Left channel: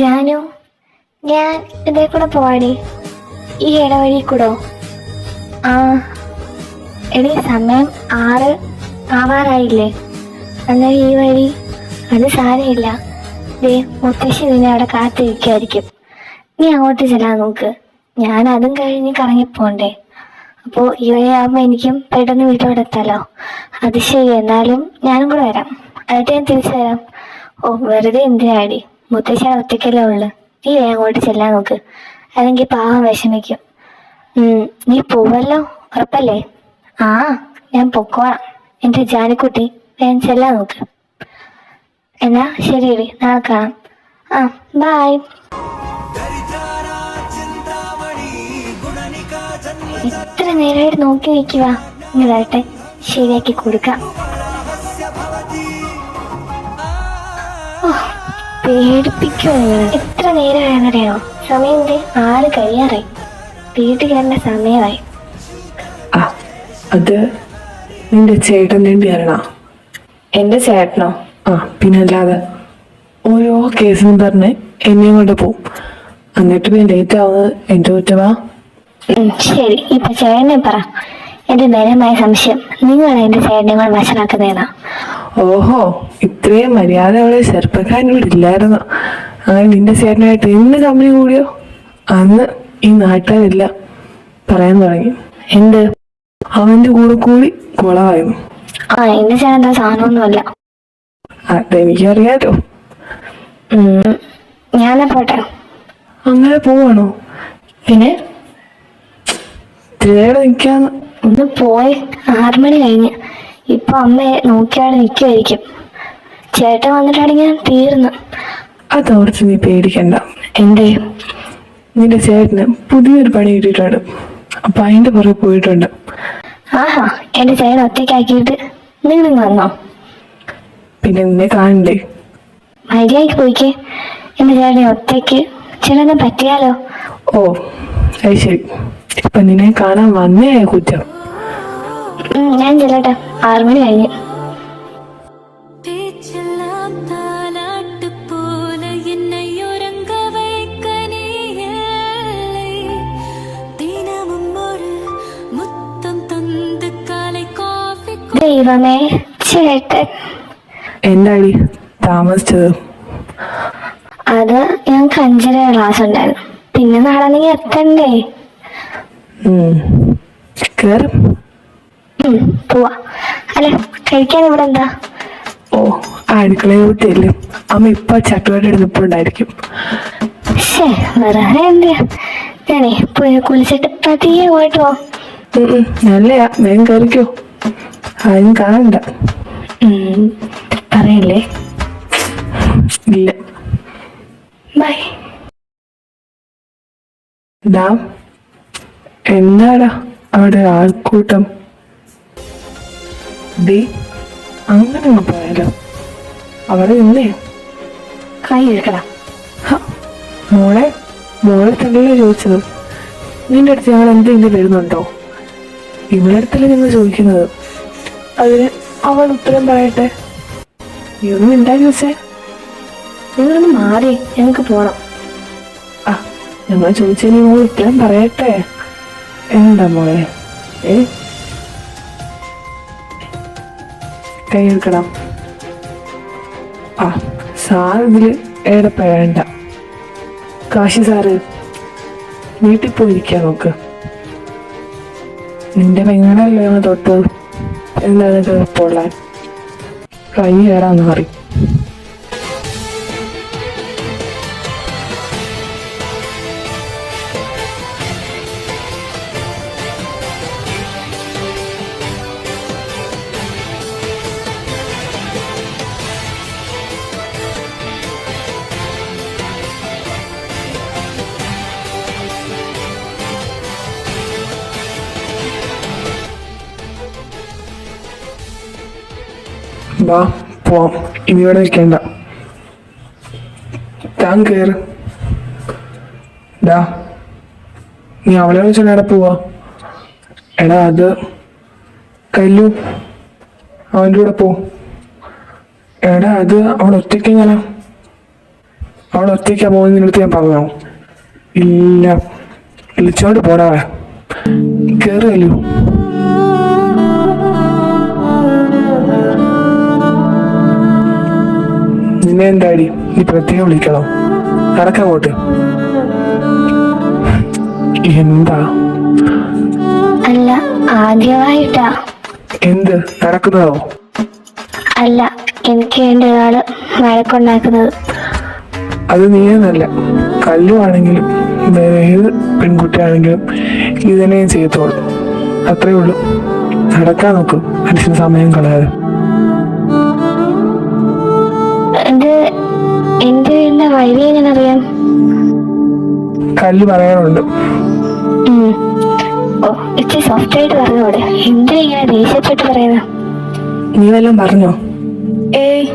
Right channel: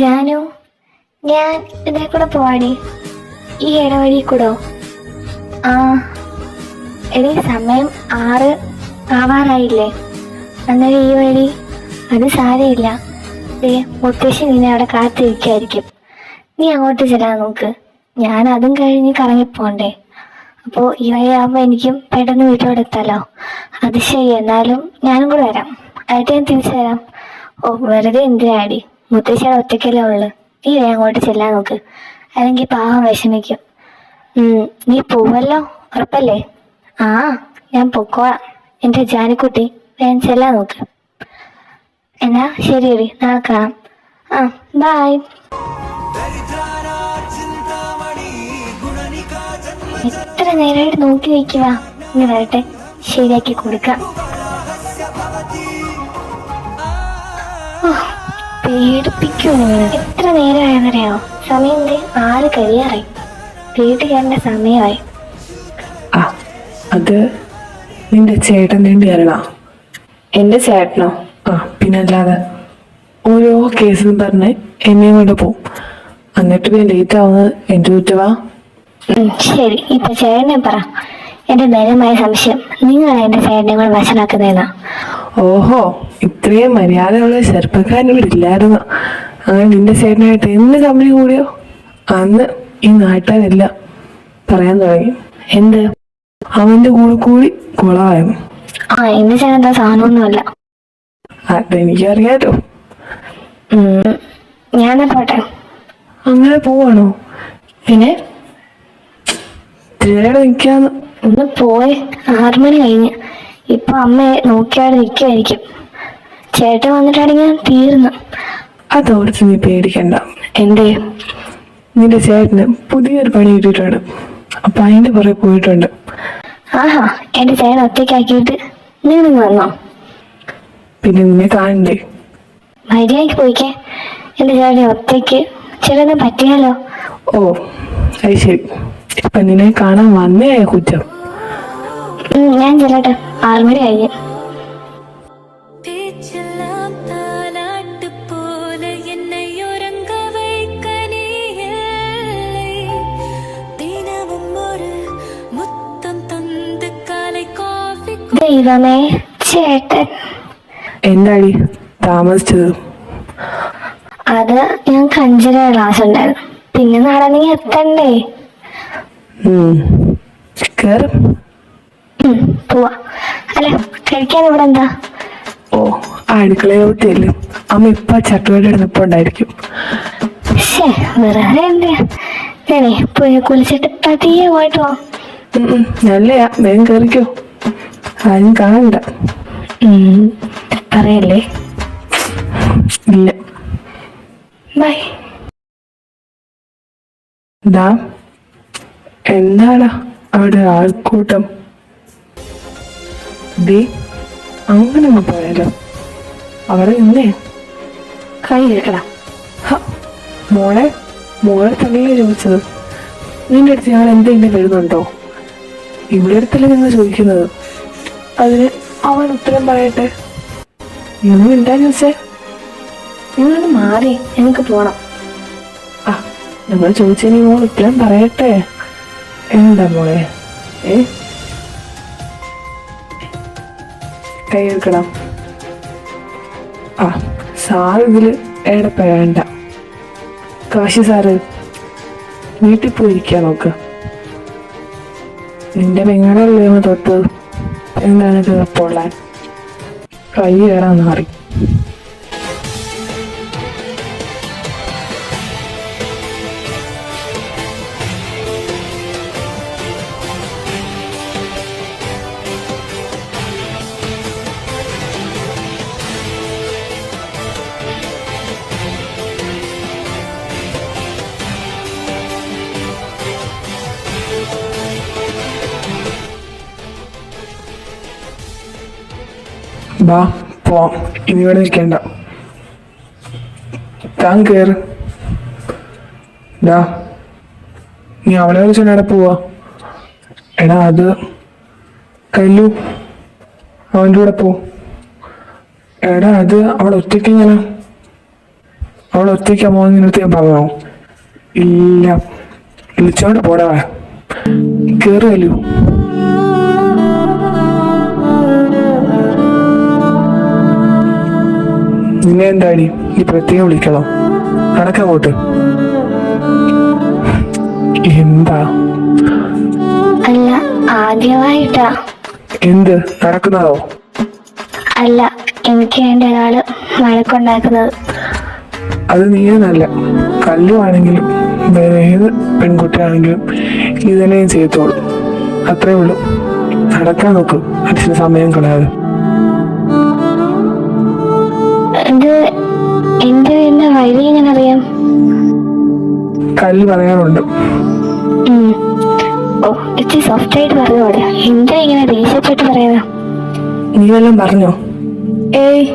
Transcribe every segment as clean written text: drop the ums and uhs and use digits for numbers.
ജാനു, ഞാൻ ഇതിൽ കൂടെ പോവാടി. ഈ ഇടവഴി കൂടോ? ആ എടി, സമയം 6 ആവാറായില്ലേ? അന്നേരം ഈ വഴി. അത് സാരമില്ല. മുത്തശ്ശി നിന്നെ അവിടെ കാത്തിരിക്കായിരിക്കും. നീ അങ്ങോട്ട് ചെല്ലാൻ നോക്ക്. ഞാൻ അതും കഴിഞ്ഞ് കറങ്ങിപ്പോണ്ടേ. അപ്പോൾ ഈ വഴിയാകുമ്പോൾ എനിക്കും പെട്ടെന്ന് വീട്ടിലോട്ട് എത്താലോ. അത് ശരി, എന്നാലും ഞാനും കൂടെ വരാം. എന്നിട്ട് ഞാൻ തിരിച്ചു തരാം. ഓ, വെറുതെ എന്തിനാടി? മുത്തശ്ശിയുടെ ഒറ്റയ്ക്കല്ലേ ഉള്ളു. നീ അങ്ങോട്ട് ചെല്ലാൻ നോക്ക്, അല്ലെങ്കിൽ പാവം വിഷമിക്കും. നീ പോവല്ലോ, ഉറപ്പല്ലേ? ആ, ഞാൻ പൊക്കോളാം. എൻ്റെ ജാനിക്കുട്ടി, വേഗം ചെല്ലാൻ നോക്ക്. എന്നാ ശരിയടി, നാളെ കാണാം. ആ, ബായ്. എത്ര നേരമായിട്ട് നോക്കി വയ്ക്കുക. ഇനി വരട്ടെ, ശരിയാക്കി കൊടുക്കാം. പേടിപ്പിക്കുമോ? എത്ര നേരമായെന്നറിയാമോ? സമയം 6 കഴിയാറായി. വീട്ടിൽ കയറേണ്ട സമയമായി. അത് നിന്റെ ചേട്ടൻ വേണ്ടി വരണ? എന്റെ ചേട്ടനോ? ആ, പിന്നല്ലാതെ. ഓരോ കേസും പറഞ്ഞ് എന്നെയും കൊണ്ട് പോവും. എന്നിട്ട് പിന്നെ ലേറ്റ് ആവുന്നത് എന്റെ കുറ്റവാ. ശരി, ഇപ്പൊ ചേട്ടനെ പറ. എന്റെ നേരമായ സംശയം നിങ്ങളാണ് എന്റെ ചേട്ടനെ വശനാക്കുന്നതെന്നാ. ഓഹോ, ഇത്രയും മര്യാദ അവളെ ചെറുപ്പക്കാരൻ ഇവിടെ ഇല്ലായിരുന്നു. അങ്ങനെ നിന്റെ ചേട്ടനായിട്ട് എന്ന് കമ്പനി കൂടിയോ അന്ന് ഈ നാട്ടുകാരെല്ലാം പറയാൻ തുടങ്ങി. എന്ത്? അവന്റെ കൂടെ കൂടി കുളമായിരുന്നു. ആ, എന്റെ ചേട്ടൻ സാധനമൊന്നുമല്ല. അതെനിക്കറിയാലോ. ഞാൻ പോട്ടെ. അങ്ങനെ പോവാണോ? പിന്നെ നിൽക്കാന്ന്. ഒന്ന് പോയി. 6 മണി കഴിഞ്ഞ്. ഇപ്പൊ അമ്മയെ നോക്കിയാടെ നിൽക്കുമായിരിക്കും. ചേട്ടൻ വന്നിട്ടാണെങ്കിൽ ഞാൻ തീർന്നു. അതോർത്ത് നീ പേടിക്കണ്ട. എന്തേ? നിന്റെ ചേട്ടന് പുതിയൊരു പണി കിട്ടിയിട്ടുണ്ട്. അപ്പൊ അതിന്റെ പുറകെ പോയിട്ടുണ്ട്. ആഹാ, എന്റെ ചേട്ടൻ ഒറ്റയ്ക്കാക്കിയിട്ട് നിങ്ങൾ വന്നോ? പിന്നെ നിന്നെ കാണണ്ടേ? മര്യാദയ്ക്ക് പോയിക്കേ. എന്റെ ചേട്ടൻ ഒറ്റയ്ക്ക് ചിലതൊന്നും പറ്റിയാലോ. ഓ, അത് ശരി. ഇപ്പൊ നിന്നെ കാണാൻ വന്നേ കുറ്റം. ഞാൻ ചെല്ലട്ടെ, 6 മണി കഴിഞ്ഞ്. ദൈവമേ, ചേട്ടൻ. എന്താടി താമസിച്ചത്? അത് ഞാൻ കഞ്ചിര ക്ലാസ് ഉണ്ടായിരുന്നു. പിന്നെ നാളെ നീ എത്തണ്ടേ? കേറും. പോവാ. അല്ല, കഴിക്കാൻ ഇവിടെ എന്താ? ഓ, അടുക്കളയോട്ടില്ലേ. അമ്മ ഇപ്പൊ ചട്ടുപാട് എടുപ്പുണ്ടായിരിക്കും. വെറുതെ എന്തിയാ? ഞാനേ പോയി കുളിച്ചിട്ട് പതിയെ പോയിട്ട് പോ. നല്ലയാ, വേഗം കയറിക്കോ. ആരും കാണണ്ട. പറയല്ലേ? ഇല്ല. ബൈ. എന്താടാ അവിടെ ആൾക്കൂട്ടം? അങ്ങനെ പോയാലോ? അവിടെ ഇന്നേ കൈ എടുക്കടാ. മോളെ തന്നെയല്ലേ ചോദിച്ചത്. നിന്റെ അടുത്ത് ഞങ്ങൾ എന്തെങ്കിലും വരുന്നുണ്ടോ? ഇവിടെ അടുത്തല്ലേ നിങ്ങൾ ചോദിക്കുന്നത്. അതിന് അവൾ ഉത്തരം പറയട്ടെ. നീ ഒന്നും എന്താ ചോദിച്ചേ? നിങ്ങളൊന്ന് മാറി, എനിക്ക് പോണം. നമ്മൾ ചോദിച്ചതിന് മോൾ ഉത്തരം പറയട്ടെ. എന്താ മോളെ? കൈ എടുക്കണം. സാറ് ഇതില് ഏടപ്പെടേണ്ട. കാശി സാറ് വീട്ടിൽ പോയിരിക്കാൻ നോക്ക്. നിന്റെ പെങ്ങളല്ലേ തൊട്ട് എന്താണ് ഉറപ്പുള്ളാൻ? കൈ ഏടാന്ന് മാറി. വാ പോവാം. ഇനി ഇവിടെ നിൽക്കണ്ട. താൻ കയറ്. നീ അവളെ വിളിച്ചോണ്ട് എവിടെ പോവാ? എടാ, അത് കല്ലു, അവൻ്റെ കൂടെ പോ. എടാ, അത് അവൾ ഒറ്റയ്ക്ക് ഇങ്ങനെ. അവൾ ഒറ്റയ്ക്കാ പോകുന്നതിനടുത്ത് ഞാൻ പറഞ്ഞോ? ഇല്ല. വിളിച്ചോണ്ട് പോടാ. കേറിയല്ലോ. നിന്നെ എന്താടി നീ പ്രത്യേകം വിളിക്കണോ? നടക്കങ്ങോട്ട്. എന്താ? അല്ല, ആദ്യമായിട്ടാ. എന്ത് നടക്കുന്നതോ? അല്ല, എനിക്ക് വേണ്ടി ഒരാള് വഴക്കുണ്ടാക്കുന്നത്. അത് നീയെന്നല്ല, കല്ലുവാണെങ്കിലും വേറെ ഏത് പെൺകുട്ടിയാണെങ്കിലും ഇതിനെ ചെയ്തോളൂ. അത്രേ ഉള്ളൂ. നടക്കാൻ നോക്ക്, മനുഷ്യന് സമയം കളയാതെ. ഇത് എന്റെ വീടിന്റെ വഴി എങ്ങനെ അറിയാം? കല്ല് പറയാനുണ്ട്. ഓ, ഇച്ചിരി സോഫ്റ്റ് ആയിട്ട് പറഞ്ഞോടെ. എന്തിനാ ഇങ്ങനെ ദേഷ്യപ്പെട്ട് പറയുന്ന? നീ വല്ലതും പറഞ്ഞോ? ഏയ്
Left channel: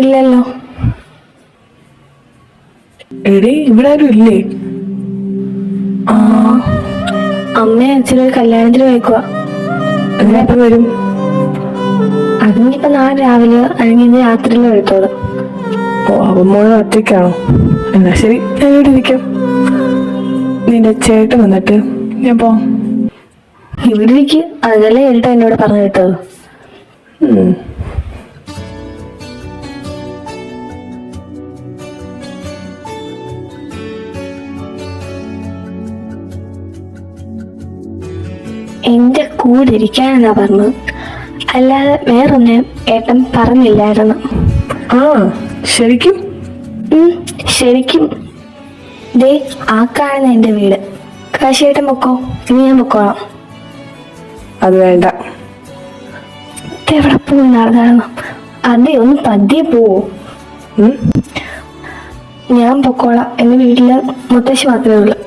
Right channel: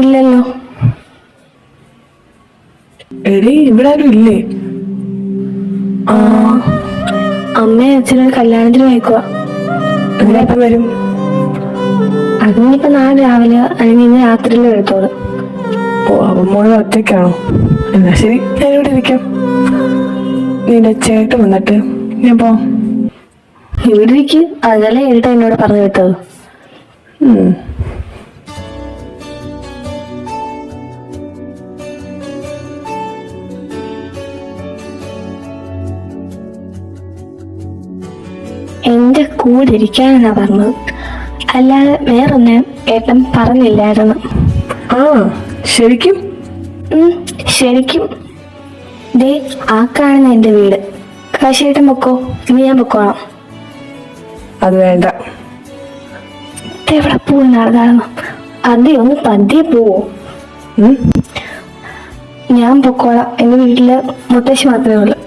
ഇല്ലല്ലോ. എടീ, ഇവിടെ ആരും ഇല്ലേ? അമ്മയും അച്ഛനൊരു കല്യാണത്തിന് പോയിക്കുവാ. എങ്ങനെപ്പം വരും? അതിനിപ്പോ നാളെ രാവിലെ അല്ലെങ്കിൽ ഇന്ന് രാത്രിയിലും എടുത്തോളൂ. ഓ, അപ്പം മോള് ഒറ്റയ്ക്കാണോ? എന്നാ ശരി, ഞാനിവിടെ ഇരിക്കാം. നിന്റെ ചേട്ടൻ വന്നിട്ട് ഞാൻ പോ. ഇവിടെ ഇരിക്കും. അതല്ലേ ഏട്ടാ എന്നോട് പറഞ്ഞു വിട്ടത്. എന്റെ കൂടെ ഇരിക്കാനാ പറഞ്ഞത്, അല്ലാതെ വേറൊന്നും ഏട്ടൻ പറഞ്ഞില്ലായിരുന്നു. ആ, ശരിക്കും? ശരിക്കും. ദേ, ആ കാണുന്ന എന്റെ വീട്. കാശിയേട്ടൻ പൊക്കോ, നീ ഞാൻ പൊക്കോളാം. അത് വേണ്ട. എവിടെ പോവും നടന്നു? അതെ, ഒന്ന് പതിയെ പോവോ? ഞാൻ പൊക്കോളാം. എന്റെ വീട്ടില് മുത്തശ്ശി മാത്രമേ ഉള്ളൂ,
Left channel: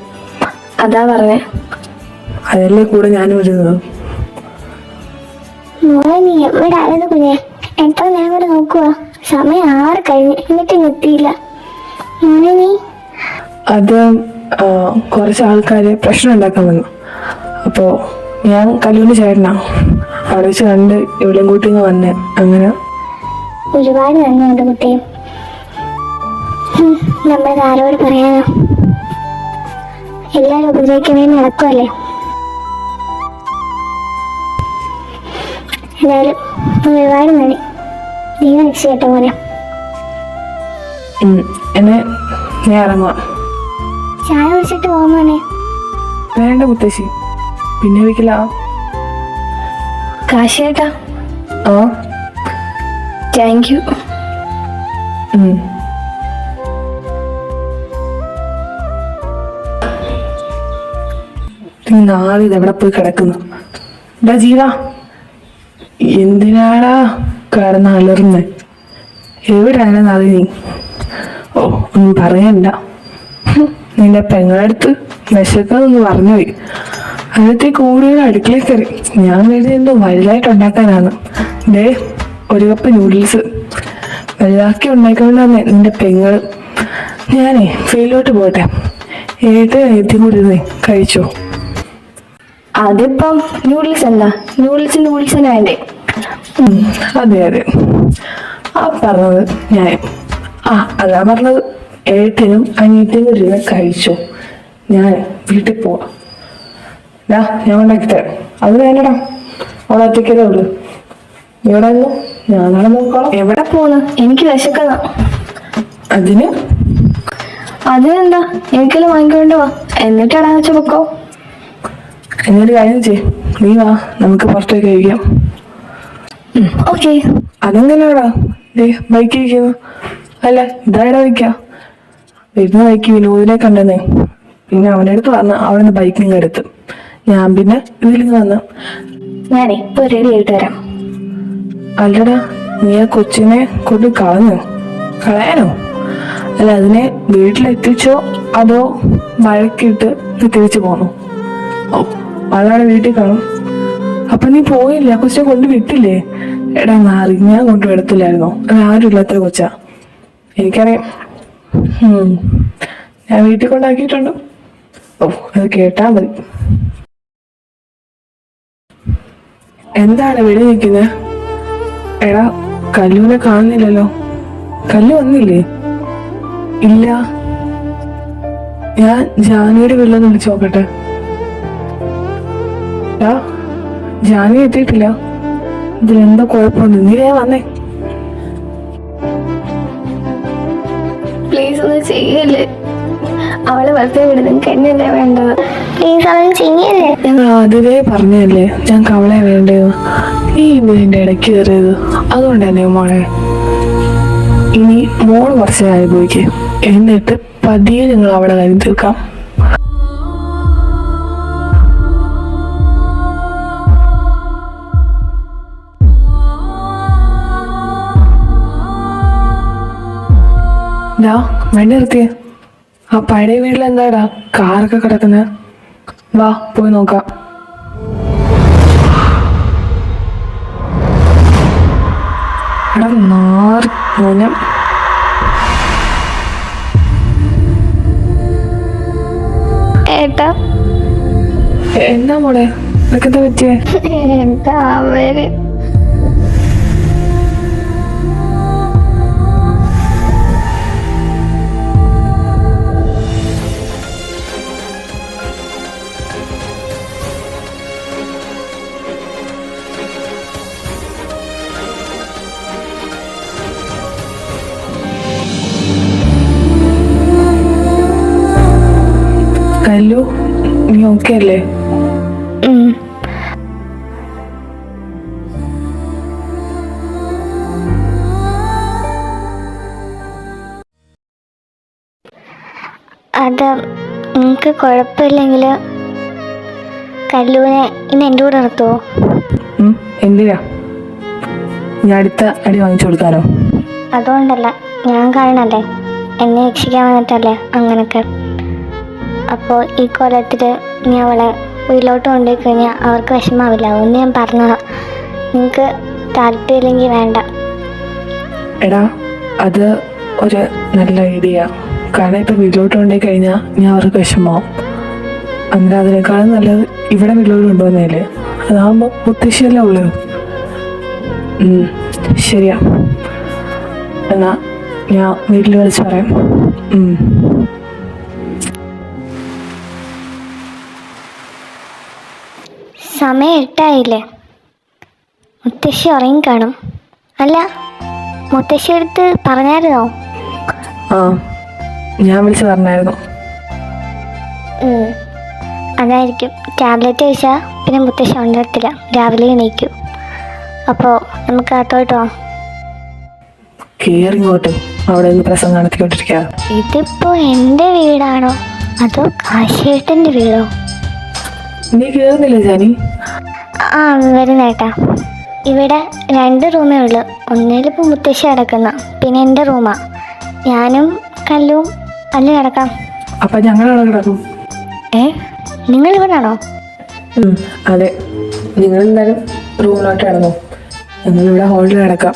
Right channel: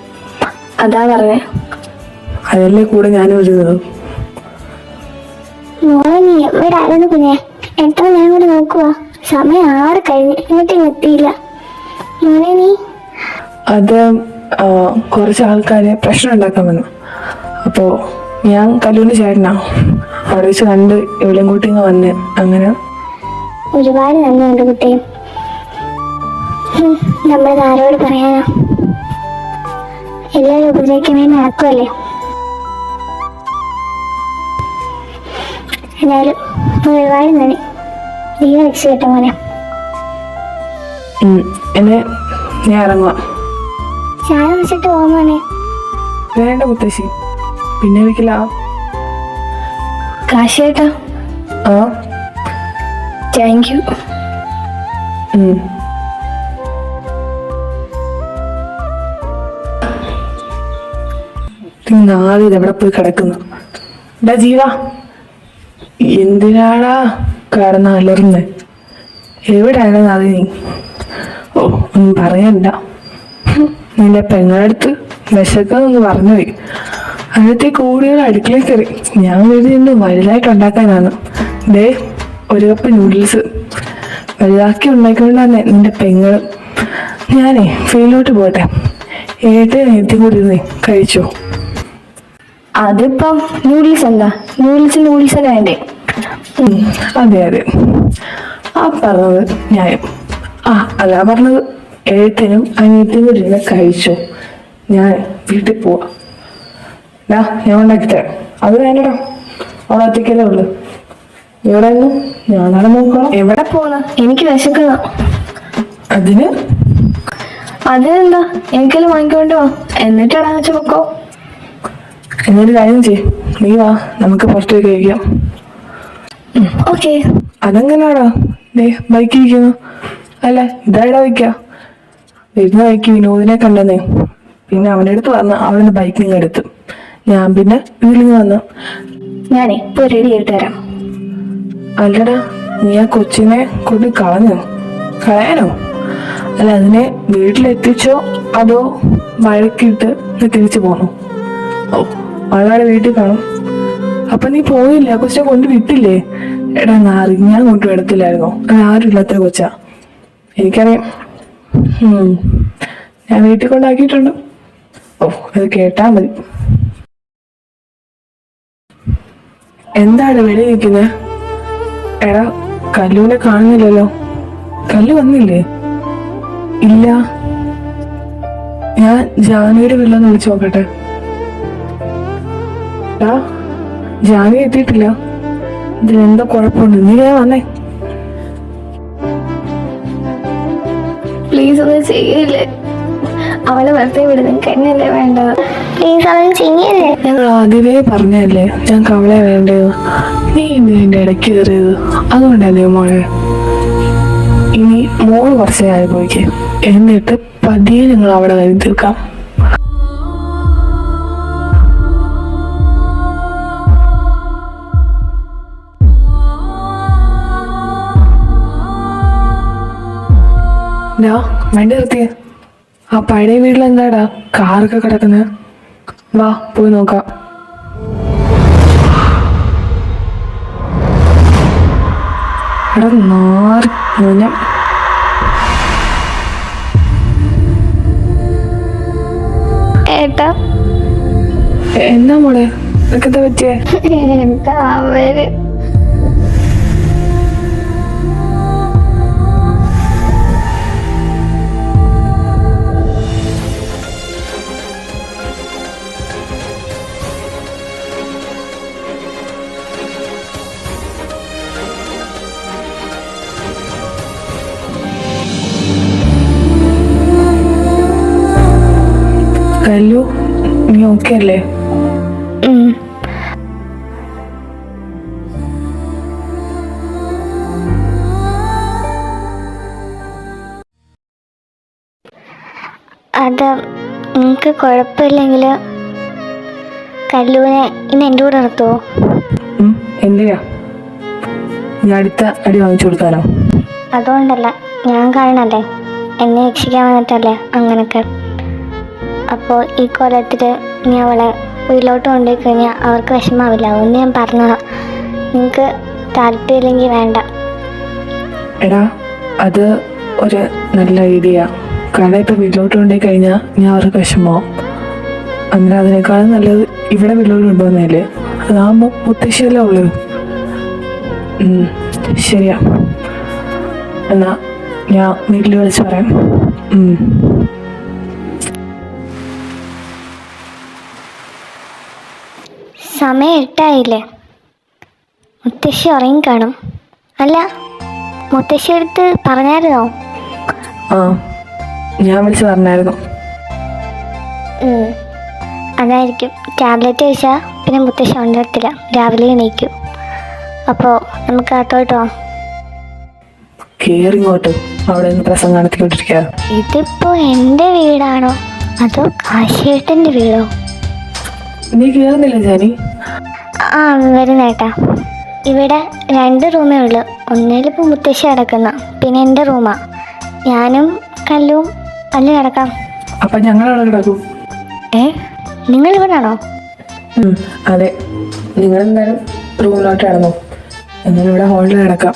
അതാ പറഞ്ഞേ. അതല്ലേ കൂടെ ഞാനും വരുന്നത്. മോളെ, നീ എവിടെ ആയിരുന്നു കുഞ്ഞെ? എത്ര ഞാൻ കൂടെ നോക്കുക. സമയം 6 കഴിഞ്ഞ്, എന്നിട്ട് എത്തിയില്ല. മോനെ നീ? അത് കുറച്ച് ആൾക്കാര് പ്രശ്നം ഉണ്ടാക്കാൻ വന്നു. അപ്പോ ഞാൻ കല്ലൂരിന് ചേട്ടനാ. അവിടെ വെച്ച് കണ്ട് ഇവളെയും കൂട്ടിന്ന് വന്ന്. അങ്ങനെ ഒരുപാട് നന്ദിയുണ്ട് കുട്ടിയും. നമ്മളത് ആരോട് പറയാനാ? എല്ലാരും ഉപദ്രവിക്കാൻ വേണ്ടി നടക്കുമല്ലേ. എന്നാലും ഒരുപാട് നന്ദി. ദൈവം രക്ഷപ്പെട്ട പോലെ. എന്നെ ഞാൻ ഇറങ്ങാം. ചായ കുടിച്ചിട്ട് പോകുമ്പോനെ? വേണ്ട മുത്തശ്ശി, പിന്നെ വീട്ടിലാ. കാശിയേട്ടാ. ആ, താങ്ക് യു. നാളെ ഇതെവിടെ പോയി കിടക്കുന്നു? എന്താ ജീവാ, എന്തിനാടാ കിടന്ന് അലർന്ന്? എവിടെയാണ് അത് നീ? ഓ, ഒന്നും പറയണ്ട. നിന്റെ പെങ്ങളടുത്ത് വിശക്കുന്നൊന്ന് പറഞ്ഞുപോയി. അതിനത്തെ കൂടുതൽ അടുക്കളയിൽ കയറി. ഞാൻ കരുതി എന്തോ വലുതായിട്ട് ഉണ്ടാക്കാനാണ്. ദേ, ഒരു കപ്പ് നൂഡിൽസ് വലുതാക്കി ഉണ്ടാക്കിക്കൊണ്ടാന്നെ നിന്റെ പെങ്ങൾ. ഞാനേ ഫീൽഡിലോട്ട് പോട്ടെ. എത്തി കൂടി കഴിച്ചോ. അതിപ്പം നൂഡിൽസ് എന്താ? നൂഡിൽസ് വേണ്ടേ? അതെ അതെ, ആ പറഞ്ഞത് ഞാൻ. അതാ പറഞ്ഞത്. ഏട്ടനും അനിയത്തിയും കൂടി കഴിച്ചോ. ഞാൻ വീട്ടിൽ പോവാ. ഞാൻ ഉണ്ടാക്കി തരാം. അത് വേണ്ടടാ, അവിടെ ഒറ്റയ്ക്കല്ലേ ഉള്ളു. എവിടെ ഞാനാണ് നോക്കണം. എവിടെ പോന്ന്? എനിക്ക് വിശക്കണം. അതിനെന്താ, എനിക്കെല്ലാം വാങ്ങിക്കൊണ്ട് വാ, എന്നിട്ട് ഇടാൻ വെച്ച പൊക്കോ. എന്നൊരു കാര്യം ചെയ്, നീ വാ, നമുക്ക് പുറത്തേക്ക് കഴിക്കാം. ഓക്കെ. അതെങ്ങനെയാടാ ബൈക്കിരിക്കുന്നു? അല്ല, ഇതായിടാ വയ്ക്ക. വരുന്ന ബൈക്ക് വിനോദിനെ കണ്ടെന്നേ. പിന്നെ അവരുടെ അടുത്ത് പറഞ്ഞ അവിടെ ബൈക്കിങ് എടുത്ത് ഞാൻ പിന്നെ ഇതിലിങ് വന്ന. ഞാനേ ഇപ്പൊ റെഡി ആയിട്ട് വരാം. അല്ലടാ, നീ ആ കൊച്ചിനെ കൊണ്ട് കളയാനോ? അല്ല, അതിനെ വീട്ടിലെത്തിച്ചോ അതോ വഴക്കിട്ട് നീ തിരിച്ചു പോണോ? ഓ, അതാണ് വീട്ടിൽ കാണും. അപ്പൊ നീ പോയില്ല, കൊച്ചിനെ കൊണ്ട് വിട്ടില്ലേ? എടാ നാറി, ഞാൻ കൊണ്ട് വിടത്തില്ലായിരുന്നോ? ആരും ഇല്ലാത്ത കൊച്ചാ, എനിക്കറിയാം. ഞാൻ വീട്ടിൽ കൊണ്ടാക്കിയിട്ടുണ്ട്. ഓ, അത് കേട്ടാ മതി. എന്താണ് വെളി നിൽക്കുന്നത്? എടാ, കല്ലുവിനെ കാണുന്നില്ലല്ലോ. കല്ലു വന്നില്ലേ? ഇല്ല, ഞാൻ ജാനുവരി വീട്ടിലൊന്ന് വിളിച്ചു നോക്കട്ടെ. ജാനുവരി എത്തിയിട്ടില്ല. ഇതിലെന്തോ കുഴപ്പമുണ്ട്. നീ ഞാൻ വന്നേ. പ്ലീസ് ഒന്നും ചെയ്യല്ലേ. അവള് വെറുതെ വിടുന്നത് കഴിഞ്ഞല്ലേ വേണ്ടത്. പ്ലീസ് അവൻ ചെയ്യല്ലേ. ഞാൻ ആദ്യമേ പറഞ്ഞല്ലേ ഞങ്ങൾക്ക് അവളെ വേണ്ടത്. നീ ഇതിന്റെ ഇടയ്ക്ക് കയറിയത് അതുകൊണ്ടല്ലേ മോളെ. ഇനി മോള് കുറച്ച് അനുഭവിക്ക്, എന്നിട്ട് പതിയെ ഞങ്ങൾ അവിടെ കരുതി തീർക്കാം. വണ്ടി നിർത്തിയേ. ആ പഴയ വീട്ടിൽ എന്താടാ കാറൊക്കെ കിടക്കുന്നത്? വാ പോയി നോക്കാം. ഏട്ടാ എന്താ മോളെ, നിനക്കെന്താ പറ്റിയേ? എന്താ അവര് നീ ഓക്കെ അല്ലേ? അത് നിങ്ങൾക്ക് കുഴപ്പമില്ലെങ്കിൽ കല്ലൂനെ ഇന്ന് എൻ്റെ കൂടെ നിർത്തുമോ? എന്തിനാ? ഞാൻ അടുത്ത അടി വാങ്ങിച്ചു കൊടുക്കാനോ? അതുകൊണ്ടല്ല, ഞാൻ കാണണല്ലേ, എന്നെ രക്ഷിക്കാൻ വന്നിട്ടല്ലേ അങ്ങനൊക്കെ. അപ്പോൾ ഈ കൊല്ലത്തിൽ നീ അവളെ വീട്ടിലോട്ട് കൊണ്ടുപോയി കഴിഞ്ഞാൽ അവർക്ക് വിഷമാവില്ല. ഒന്ന് ഞാൻ പറഞ്ഞതാ. നിങ്ങൾക്ക് താല്പര്യമില്ലെങ്കിൽ വേണ്ട. എടാ, അത് ഒരു നല്ല ഐഡിയ. കാരണം ഇപ്പം വീട്ടിലോട്ട് കൊണ്ടുപോയി കഴിഞ്ഞാൽ ഞാൻ അവർക്ക് വിഷമമാവും. അന്നേരം അതിനേക്കാളും നല്ലത് ഇവിടെ വീട്ടിലോട്ട് കൊണ്ടുപോകുന്നതല്ലേ. അതാകുമ്പോൾ മുത്തശ്ശിയല്ലേ ഉള്ളൂ. ശരിയാ, എന്നാ ഞാൻ വീട്ടിൽ വിളിച്ച് പറയാം. സമയം 8 മുത്തശ്ശി ഉറങ്ങി കാണും. അല്ല, മുത്തശ്ശി അടുത്ത് പറഞ്ഞായിരുന്നോ? ആ, ഞാൻ വിളിച്ച് പറഞ്ഞായിരുന്നു. അതായിരിക്കും. ടാബ്ലറ്റ് കഴിച്ചാൽ പിന്നെ മുത്തശ്ശി ഉണരത്തില്ല, രാവിലെ എണീക്കും. അപ്പോൾ നമുക്ക് അകത്തോട്ട് പോവാം. കേറിങ്ങോട്ട് അവിടെ നിന്ന് പ്രസംഗാനത്തിലോട്ടിരിക്കുക. ഇതിപ്പോ എൻ്റെ വീടാണോ അതോ കാശിയേട്ടൻ്റെ വീടോ? നീ കേറുന്നില്ല ജാനി? ആ, വരുന്നേട്ടാ. ഇവിടെ 2 റൂമേ ഉള്ളൂ. ഒന്നിലിപ്പോൾ മുത്തശ്ശി കിടക്കുന്ന, പിന്നെ എൻ്റെ റൂമാ. ഞാനും കല്ലും അല്ല കിടക്കാം. അപ്പൊ ഞങ്ങളവിടെ കിടക്കും. നിങ്ങൾ ഇവിടാണോ? അതെ, നിങ്ങളെന്തായാലും റൂമിലോട്ട് കിടന്നു. ഞങ്ങളിവിടെ ഹോട്ടലിൽ കിടക്കാം.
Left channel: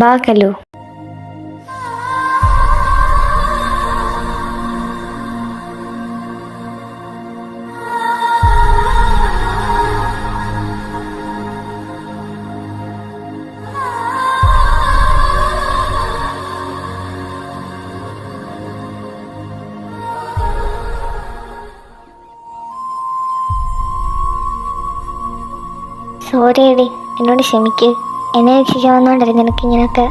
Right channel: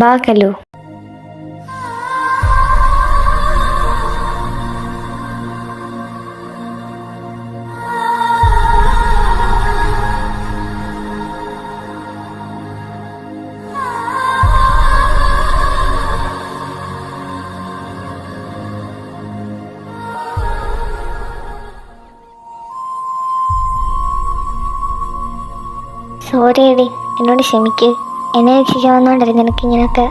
ബാ കല്ലു. സോറി എടി, എന്നോട് ക്ഷമിക്ക്. എന്നെ രക്ഷിക്കാൻ വന്നോണ്ടായിരുന്നു എനിക്കിങ്ങനെയൊക്കെ.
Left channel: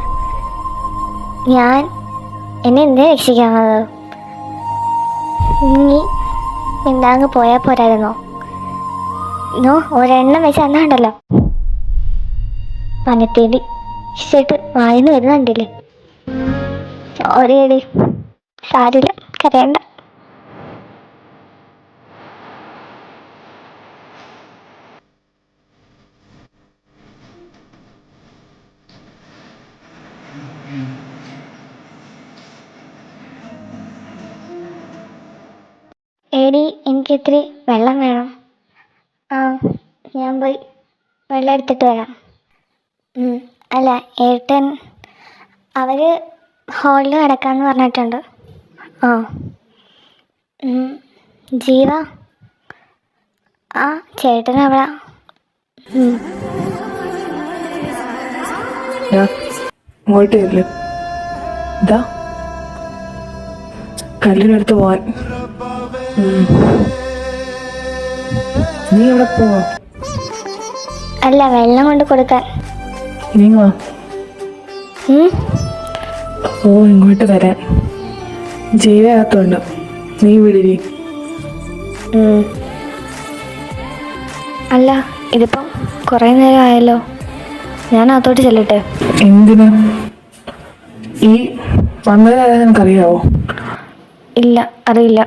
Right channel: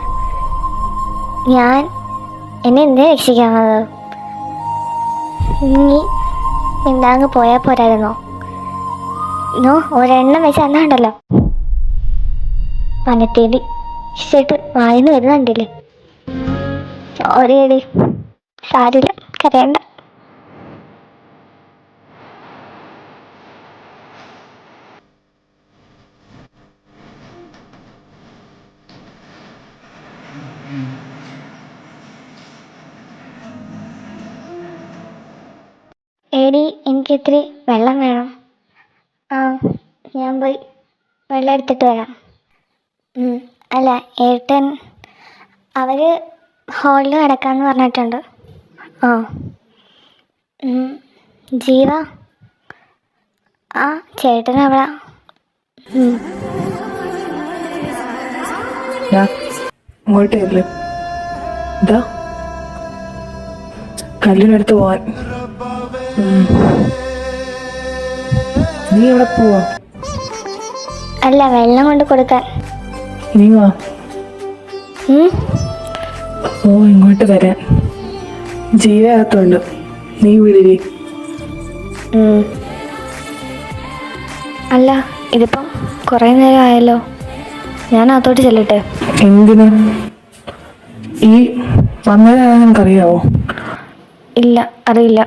എന്നെ എന്തിനാ രക്ഷിക്കാൻ വന്നത്? നീ എന്താങ്ങ് പോയാൽ പോരായിരുന്നോ? ഒരെണ്ണം വെച്ച് അന്നാണ്ടല്ലോ പനത്തേടി ഇഷ്ടമായിട്ട് വായിന്ന് വരുന്നുണ്ടല്ലേ. സോറി എടി, സാരില്ല, കരയണ്ട. എടി, എനിക്ക് ഇത്തിരി വെള്ളം വേണം. ആ, ഞാൻ പോയി വെള്ളം എടുത്തിട്ട് വരാം. അല്ല, ഏട്ടൻ അവർ ഹോളിൽ കിടക്കാമെന്ന് പറഞ്ഞിട്ടുണ്ട്. ആ, ജീവ ആ ചേട്ടൻ അവിടെ. ഇങ്ങോട്ട് വരില്ല. ഇതാ കല്ലിനടുത്ത് പോവാൻ. നീ ഇവിടെ പോവാ? അല്ല, വെള്ളം കൊണ്ട് കൊടുക്കാൻ. നീ വാ. ഓ, ഇങ്ങോട്ട് വരാൻ. ജീവകത്തുണ്ട്, നീ വിളിരി. അല്ല, ഇതിപ്പം കുറേ നേരം ആയല്ലോ, ഞാൻ അകത്തോട്ട് ചെല്ലട്ടെ? എന്തിനാ ഈ വന്നത്? നിനക്കറിയാവോ? ഇല്ല, അറിയില്ല.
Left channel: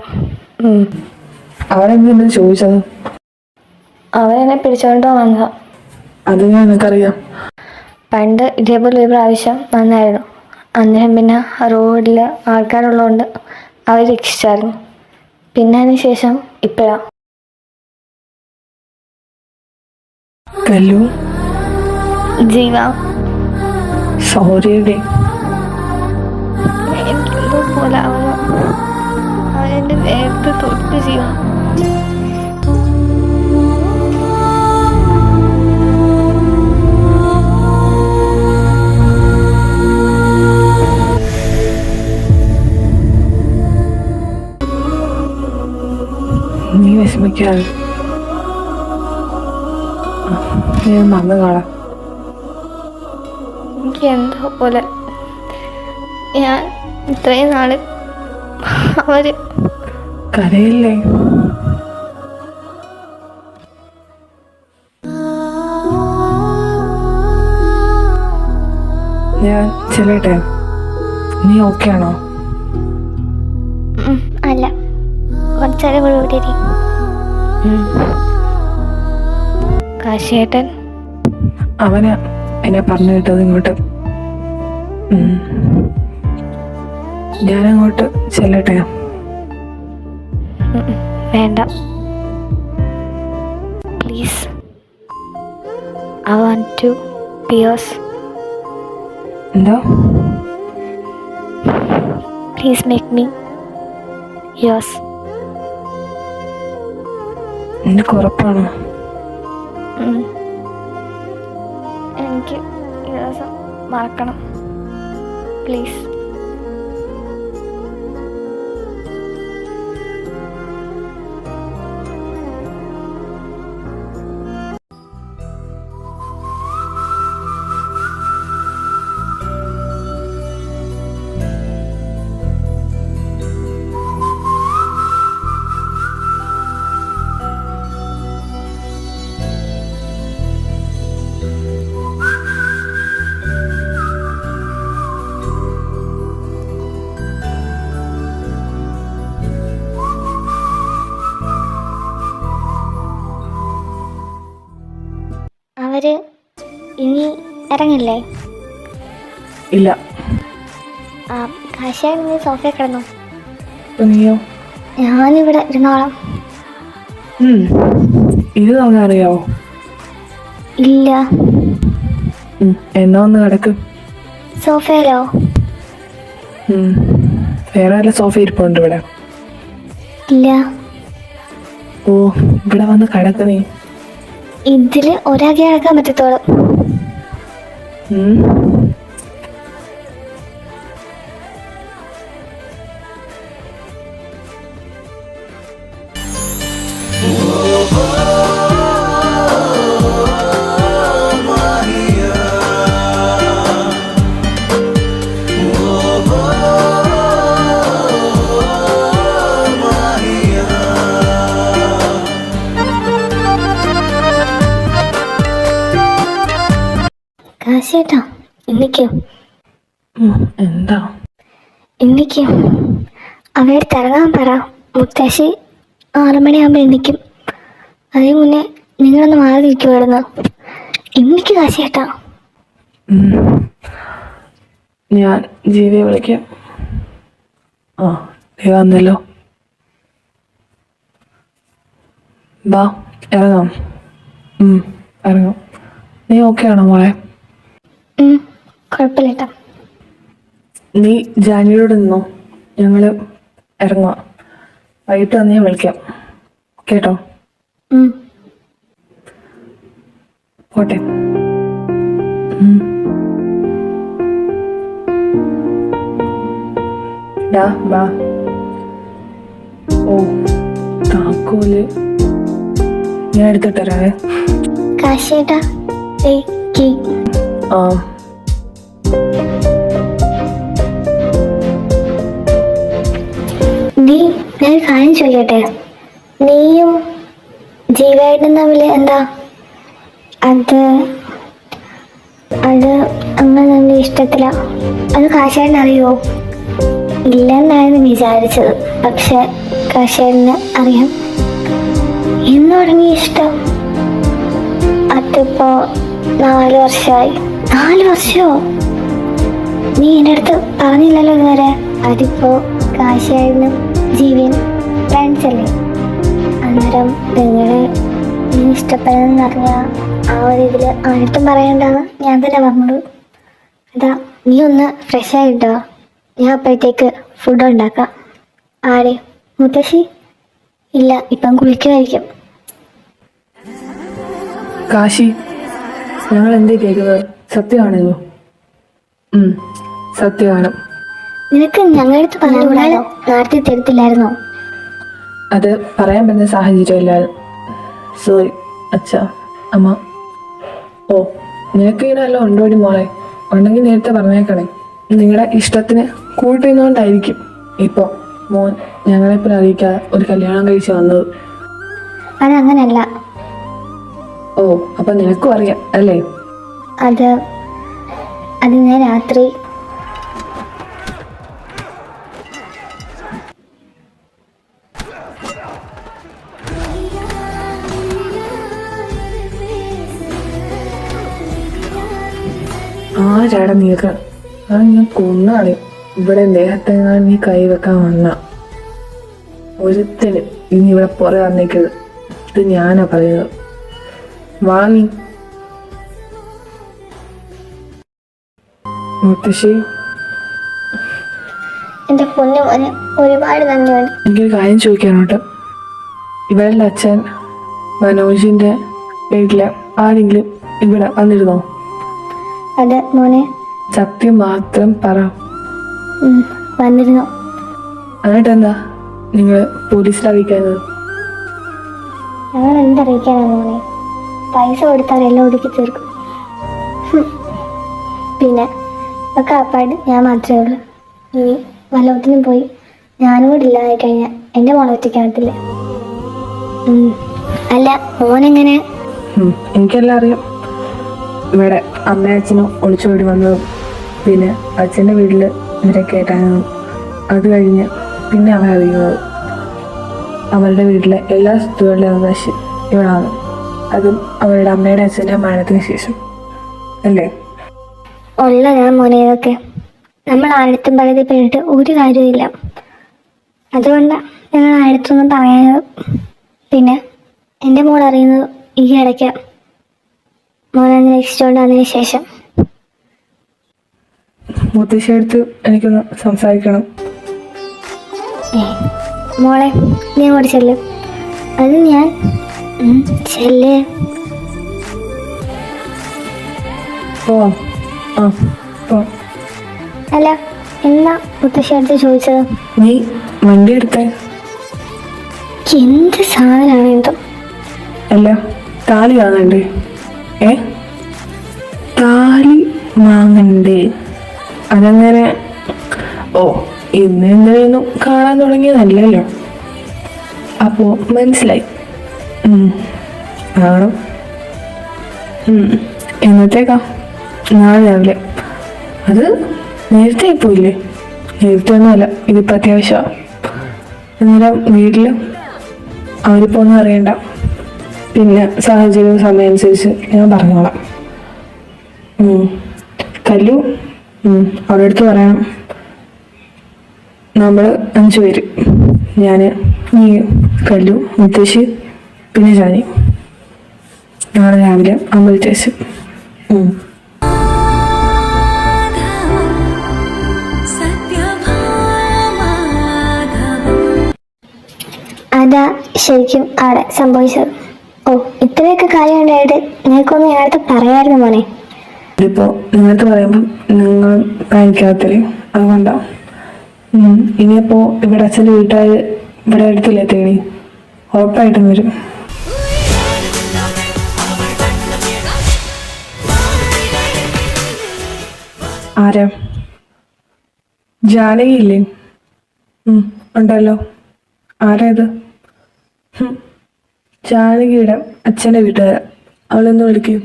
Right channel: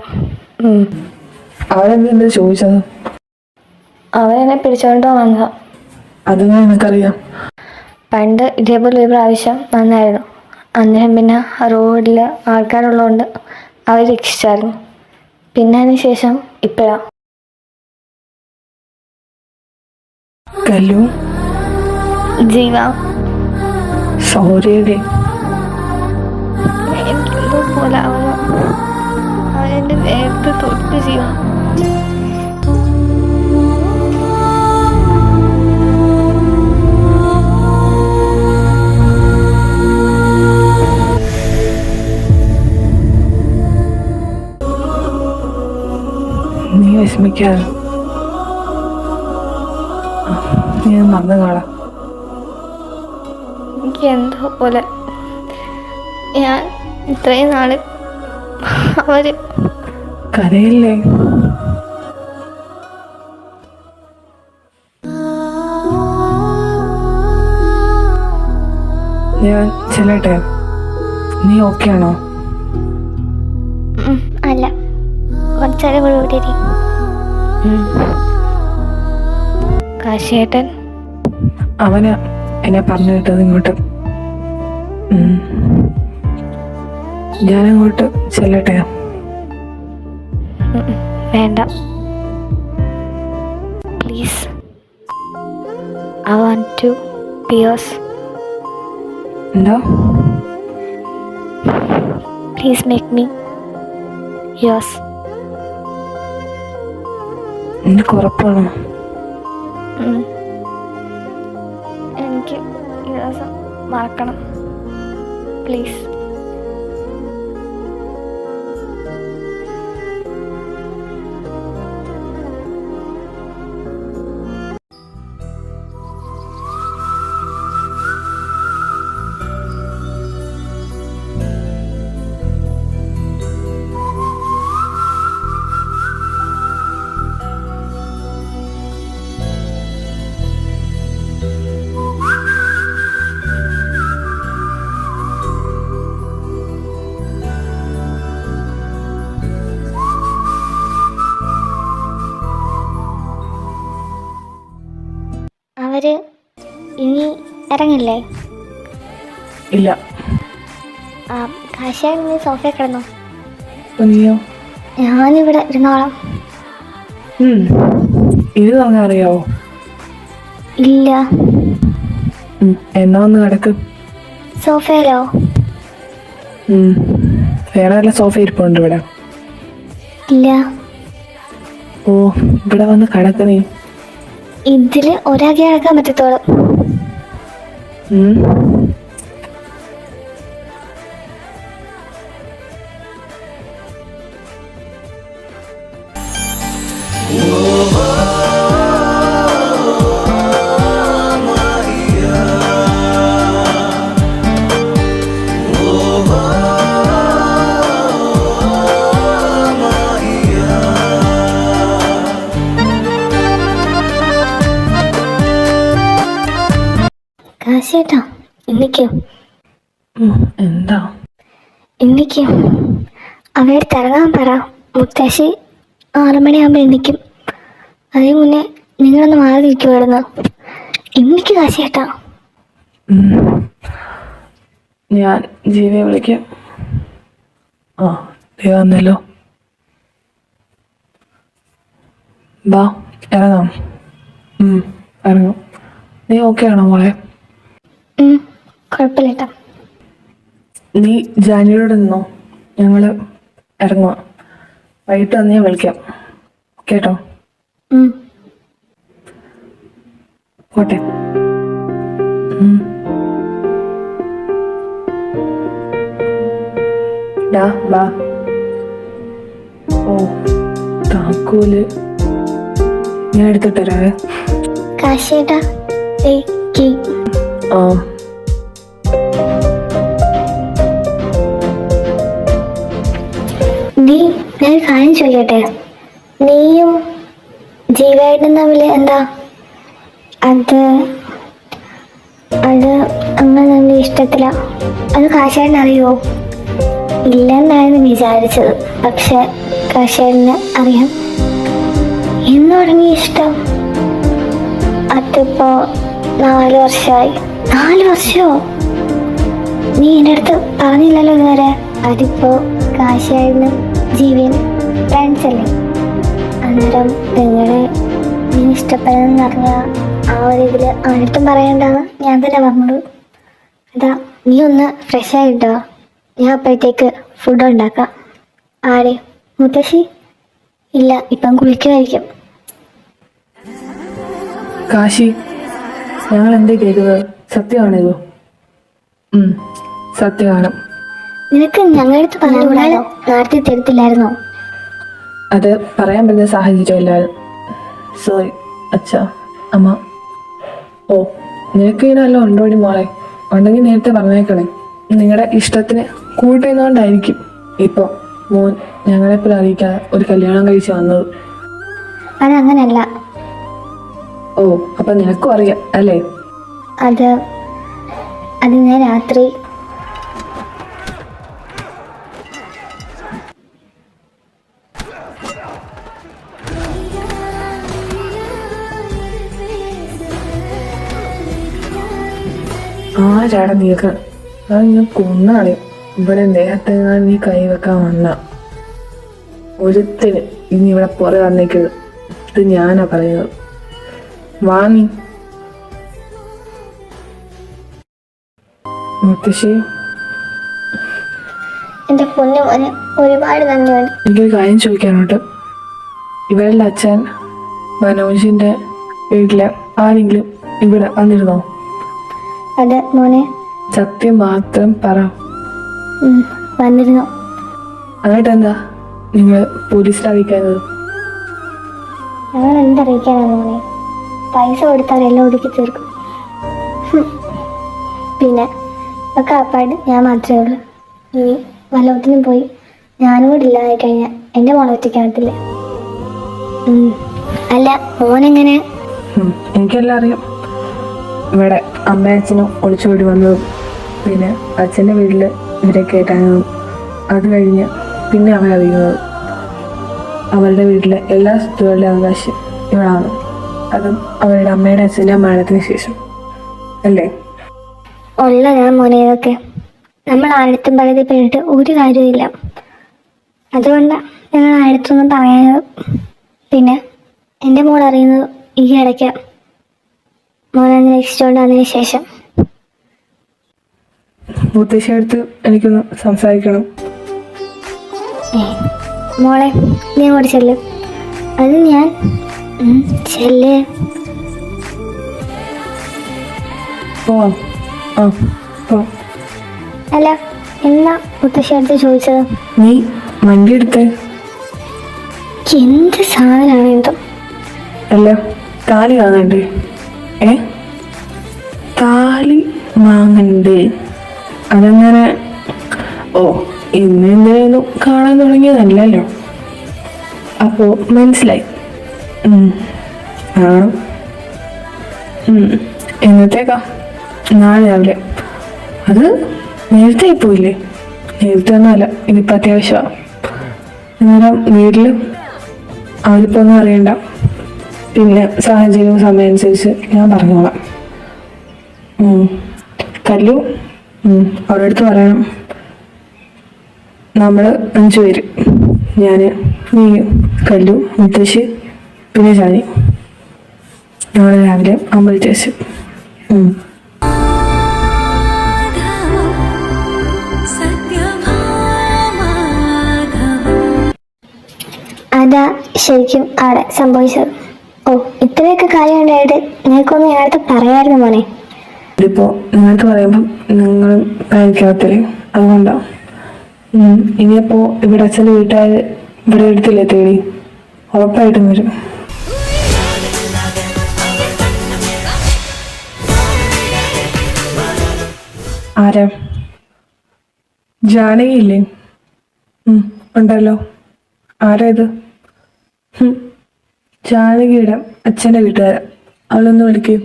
അവരെന്താ ചോദിച്ചത്? അവരെന്നെ പിടിച്ചോണ്ട് വന്നതാ. അതെങ്ങനെ നിനക്കറിയാം? പണ്ട് ഇതേപോലെ ഒരു പ്രാവശ്യം വന്നായിരുന്നു. അന്നേരം പിന്നെ റോഡിൽ ആൾക്കാരുള്ളതുകൊണ്ട് അവർ രക്ഷിച്ചായിരുന്നു. പിന്നെ അതിന് ശേഷം ഇപ്പോഴാ. കല്ലു, ജീവ, സോറിയടി. എനിക്കെന്തോ പോലെ അവനെൻ്റെ നേരത്തെ തൊട്ട് ജീവ. നീ വിഷമിക്കാതെ, ഞാൻ വന്നു കാണാം. എനിക്ക് എന്തോ പോലെ. ഞാൻ ഇത്രയും നാള് അവര് കരയില്ലേ? ഞാൻ ചെല്ലട്ടെ? നീ ഓക്കെ ആണോ? അല്ല, കുറച്ചേരം കൂടെ ഇവിടെ ഇരി. കാശിയേട്ടൻ അവന് എന്നെ പറഞ്ഞു വിട്ടത് ഇങ്ങോട്ട്. ഞാനങ്ങോട്ട് ചെല്ലട്ടെ? വേണ്ട, please. I want to be yours. എന്താ? Please make me yours. നിനക്ക് ഉറപ്പാണോ? എനിക്ക് ഈ ദിവസം മറക്കണം, പ്ലീസ്. അവര് ഇനി ഇറങ്ങില്ലേ? ഇല്ല. കാശിയായി നീ സോഫയിൽ കിടന്നു, നീയോ? ഞാനിവിടെ ഇരുന്നോളാം. ഇത് നമുക്കറിയാവോ? ഇല്ല. എന്നാ ഒന്ന് കിടക്ക്. സോഫയിലോ? വേറെ നല്ല സോഫ ഇരിപ്പുണ്ട് ഇവിടെ. ഇല്ല. ഓ, ഇവിടെ വന്ന് കിടക്കണേ. ഇതില് ഒരാകെ കിടക്കാൻ പറ്റത്തോളം. കാശേട്ടാ, ഇന്നിക്കോ? എന്താ? ഇന്നിക്കോ? അവയോട് തിറങ്ങാൻ പറ. മുത്തശ്ശി 6 മണിയാകുമ്പോൾ എണ്ണിക്കും. അതേ മുന്നേ നിങ്ങളൊന്ന് മാറി നിൽക്കുമായിരുന്നു. ഇന്നിക്ക് കാശേട്ടാ. ഞാൻ ജീവിയെ വിളിക്കാം. നീ വന്നല്ലോ. ബാ, ഇറങ്ങാം. ഇറങ്ങാം. നീ ഓക്കെ ആണോ മോളെ? കുഴപ്പമില്ല. നീ ജാനിയോട് നിന്നോ, ഞങ്ങള് ഇറങ്ങാം. വൈകിട്ട് വന്ന് ഞാൻ വിളിക്കാം, കേട്ടോ? പോട്ടെ. ഡാ ബാ. ഓ താക്കോല് ഞാൻ എടുത്തിട്ടരാവേ. കാശേട്ടാ ആ നീ ഞാൻ കാര്യം ചോദിക്കട്ടെ, നീയും ജീവേട്ടനും തമ്മിൽ എന്താ? അത് അത് അങ്ങനെ തമ്മിൽ ഇഷ്ടത്തില. അത് കാശേട്ടൻ അറിയോ? ഇല്ലെന്നായിരുന്നു വിചാരിച്ചത്, പക്ഷെ കാശേട്ടന് അറിയാം. എന്ന് തുടങ്ങി ഇഷ്ടം? അതിപ്പോ 4 വർഷമായി. 4 വർഷമോ? നീ എൻ്റെ അടുത്ത് പറഞ്ഞില്ലല്ലോ ഇതുവരെ. അതിപ്പോ കാശിയായിരുന്നു ജീവൻ ഫ്രണ്ട്സ് അല്ലേ? അന്നേരം നിങ്ങളെ നീ ഇഷ്ടപ്പെടുന്നെന്ന് പറഞ്ഞ ആ ഒരു ഇതിൽ ആർക്കും പറയണ്ടെന്ന് ഞാൻ തന്നെ പറഞ്ഞത്. അതാ, നീ ഒന്ന് ഫ്രഷ് ആയിട്ടോ, ഞാൻ അപ്പോഴത്തേക്ക് ഫുഡ് ഉണ്ടാക്കാം. ആരെ? മുത്തശ്ശി? ഇല്ല, ഇപ്പം കുളിക്കുമായിരിക്കും. കാശി, ഞങ്ങൾ എന്താ കേൾക്കുന്നത്? സത്യമാണല്ലോ? സത്യമാണ്. നിനക്ക് ഞങ്ങളുടെ അടുത്ത് പറഞ്ഞാൽ നേരത്തെ തരത്തില്ലായിരുന്നോ? അത് പറയാൻ പറ്റുന്ന സാഹചര്യമില്ലായിരുന്നു. സോറി അച്ഛ, അമ്മ. ഓ, നിനക്ക് ഇതല്ലോ ഉണ്ടോടി മോളെ? ഉണ്ടെങ്കിൽ നേരത്തെ പറഞ്ഞേക്കണേ. നിങ്ങളുടെ ഇഷ്ടത്തിന് കൂട്ടുന്നതുകൊണ്ടായിരിക്കും ഇപ്പം മോൻ ഞങ്ങളെപ്പോഴും അറിയിക്കാതെ ഒരു കല്യാണം കഴിച്ച് വന്നത്. അതങ്ങനല്ല. ഓ, അപ്പൊ നിനക്കും അറിയാം അല്ലേ? അത് ഞാൻ രാത്രി ആരാടാ നീക്ക്? ഞാൻ കൊന്നാണ്. ഇവിടെ ദേഹത്തെങ്ങാൻ നീ കൈവെക്കാൻ വന്ന ഒരുത്തിന് ഇനി ഇവിടെ പുറ വന്നേക്കത്. ഇത് ഞാനാ പറയുന്നത്. വാങ്ങി മുത്തശ്ശി, എൻ്റെ പൊന്നു മോനെ ഒരുപാട് നന്ദിയുണ്ട്. എനിക്കൊരു കാര്യം ചോദിക്കാനുണ്ട്. ഇവരുടെ അച്ഛൻ മനോജിന്റെ വീട്ടില് ആരെങ്കിലും ഇവിടെ വന്നിരുന്നോ? അത് മോനെ സത്യം മാത്രം പറ. വന്നിരുന്നു. ആയിട്ടെന്താ നിങ്ങൾ പോലീസിൽ അറിയിക്കാനത്? ഞങ്ങൾ എന്തറിയിക്കാനാ മോനെ? പൈസ കൊടുത്താൽ എല്ലാം ഒതുക്കി തീർക്കും. പിന്നെ ഒക്കെ അപ്പായിട്ട് ഞാൻ മാത്രമേ ഉള്ളൂ. ഇനി വല്ലത്തിനും പോയി ഞാനും കൂടി ഇല്ലാതായി കഴിഞ്ഞാൽ എൻ്റെ മോളെ ഒറ്റയ്ക്കാകത്തില്ല. അല്ല, മോനെങ്ങനെ? എനിക്കെല്ലാം അറിയാം. ഇവിടെ അമ്മയും അച്ഛനും ഒളിച്ചോടി വന്നതും പിന്നെ അച്ഛൻ്റെ വീട്ടിൽ ഇവരൊക്കെ ആയിട്ടായിരുന്നു. അത് കഴിഞ്ഞ് പിന്നെ അവൻ അറിയുന്നത് അവളുടെ വീട്ടിലെ എല്ലാ സ്വത്തുക്കളുടെ അവകാശം ഇവളാണ്. അതും അവളുടെ അമ്മയുടെ അച്ഛൻ്റെ മരണത്തിന് ശേഷം അല്ലേ? ഉള്ളതാ മോനെ ഇതൊക്കെ. നമ്മൾ ആരടുത്തും പരാതിപ്പെട്ടിട്ട് ഒരു കാര്യമില്ല. അതുകൊണ്ടാണ് ഞങ്ങൾ ആരടുത്തൊന്നും പറയാനത്. പിന്നെ എൻ്റെ മോൾ അറിയുന്നത് ഈ ഇടയ്ക്ക് മോനെ രക്ഷിച്ചുകൊണ്ട് അതിന് ശേഷം. മുത്തശ്ശിയടുത്ത് എനിക്കൊന്ന് സംസാരിക്കണം. മോളെ നീ അങ്ങോട്ട് ചെല്ല്. അത് ഞാൻ ചെല്ല്. പോവാം. ആ പോവാം. അല്ല, എന്നാ മുത്തശ്ശി അടുത്ത് ചോദിച്ചത്? നീ വണ്ടി എടുത്തേ. എന്ത് സാധനമാണ് എന്തോ? അല്ല, താലി വാങ്ങണ്ടേ? താലി വാങ്ങണ്ടേ? അതങ്ങനെ ഓ ഇന്നലെയൊന്നും കാണാൻ തുടങ്ങിയതല്ലല്ലോ. അപ്പോ മനസ്സിലായി. ആണോ? എന്നത്തേക്കാ? നാളെ രാവിലെ. അത് നേരത്തെ പോയില്ലേ? നേരത്തെ ഒന്നുമല്ല, ഇതിപ്പോൾ അത്യാവശ്യമാണ്. അന്നേരം വീട്ടിൽ അവരിപ്പോൾ ഒന്നും അറിയണ്ട. പിന്നെ സാഹചര്യവും സമയം അനുസരിച്ച് ഞാൻ പറഞ്ഞോളാം. കല്ലു അവരുടെ അടുത്ത് പറയണം. നമ്മൾ 5 പേര്, ഞാൻ, നീ, കല്ലു, മുത്തശ്ശി, പിന്നെ ജാനി, നാളെ രാവിലെ അമ്പലത്തിൽ വെച്ച്. അതാ ശരിക്കും അവിടെ സംഭവിച്ചത്. ഓ, ഇത്രയൊക്കെ കാര്യം ഉണ്ടായിട്ട് നിനക്കൊന്നും ഞങ്ങളുടെ പറയായിരുന്നു മോനെ. ഇതിപ്പോ നിങ്ങൾക്ക് പറയുമ്പം നിങ്ങൾ പാനിക്കകത്തില്ലേ? അതുകൊണ്ടാ. ഇനിയിപ്പോ ഇവിടെ അച്ഛൻ്റെ വീട്ടുകാർ ഇവിടെ എടുത്തില്ലേ തേടി, ഉറപ്പായിട്ടും വരും. ആരാ? ജാനകിയില്ലേ? ഉണ്ടല്ലോ. ആരേത്? ജാനകിയുടെ അച്ഛൻ്റെ വീട്ടുകാരാ. അവളൊന്ന് വിളിക്കും.